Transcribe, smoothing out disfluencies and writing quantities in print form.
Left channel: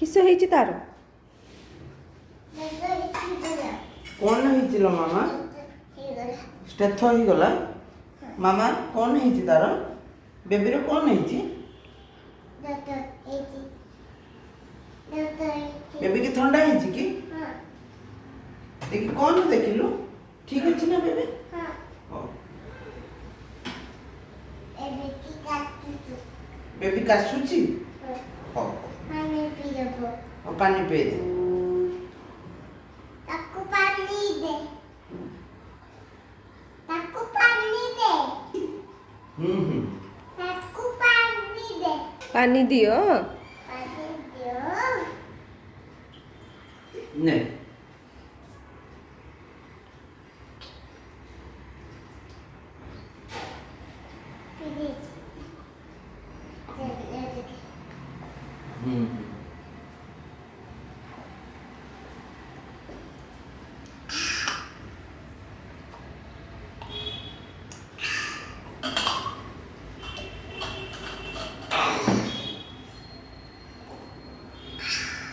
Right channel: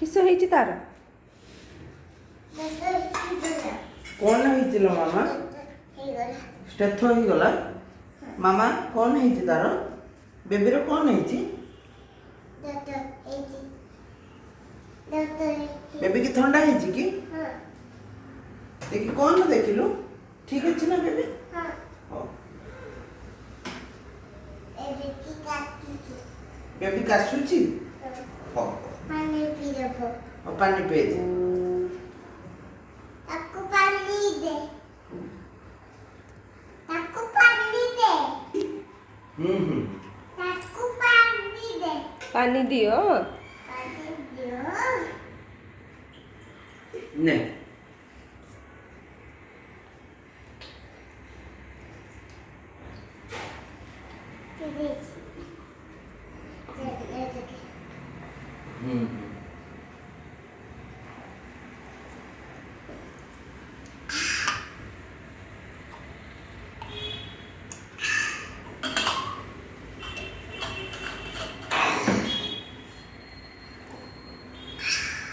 किस ହେଇଛି ତାର कौन ହେଇଛି लो मामा स्टेथ ହେଇଗଲା मामा कौन ହେଇଛି ତାର बेबी रो कौन ହେଇଛି बेबी की ठंडा ହେଇଛି କି देखि कौन देखिलु ठीक अछि ना बेबी हां बेबी कासुची हां पानी पी दे पानी पी दे ताको पानी दे ताको पानी दे ताको पानी दे पानी दियो नहीं